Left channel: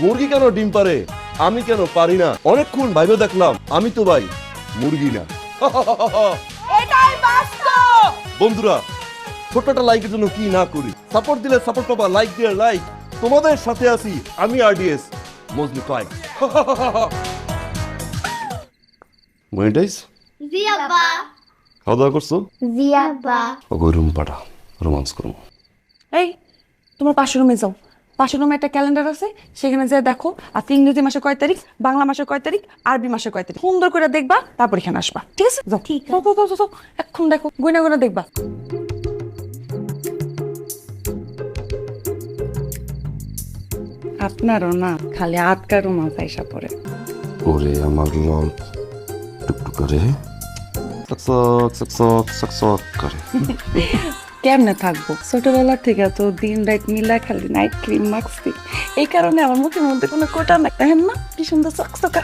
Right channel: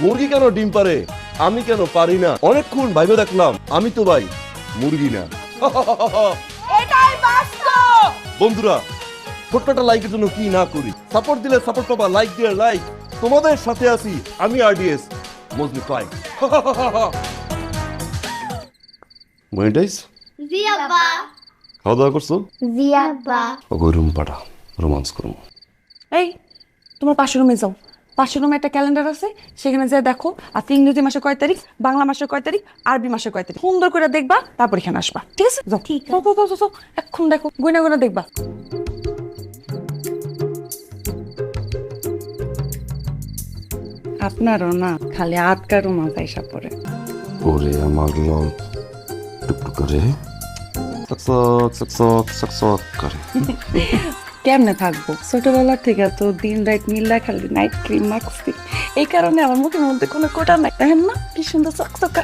মুরগি কেন ডিম পারে আমি কেন পারি না? অনেকক্ষণ ভাইবে দেখলাম আমি তো ভাই মুরগি না। এটাই বাস্তব। বন্ধুরা, ছোট্ট একটা লাইকের জন্য কি না করি? সাপোর্ট দিলে সাপোর্ট পাবা, লাইক দিয়ে লাইক। তোমাদের সাথে আছি আমি আরডিএস মজলি ফাইভ। মনিটাইজ জিয়াবা খাওয়া দাওয়া করছো? জিয়াবা ওই রুম পাঠা রোমান্স করো। এই তোমার পাশের রুমে যাও, পাশের রুমে একটা ক্যালেন্ডার আছে, সেখানে যা দেখো আজকে ইংরেজি মাসের কয় তারিখ, বাংলা মাসের কয় তারিখ, আরবি মাসের কয় তারিখ সুন্দর করে দেখবা, তারপর এখানে আসবা। ঠিক আছে? যাও। ঠিক যাও, যাও, যাও, যাও, এখন দেখো গুইনা গুইনা দেখবা। আপনারও না খালি আটকা রুমা পয়সা পড়ে। ওরে আমার লল টুকটুক করে সকসক সকসক সকসক করে। কেমনে থাকবো, ছোটবেলা থেকে তো দিন রাত মিলা খালি নাইট ক্রিম মাখছি, এই কারণে আমার মুখের মধ্যে কোনো কোটা না, কেন না কি সুন্দর চকচকা।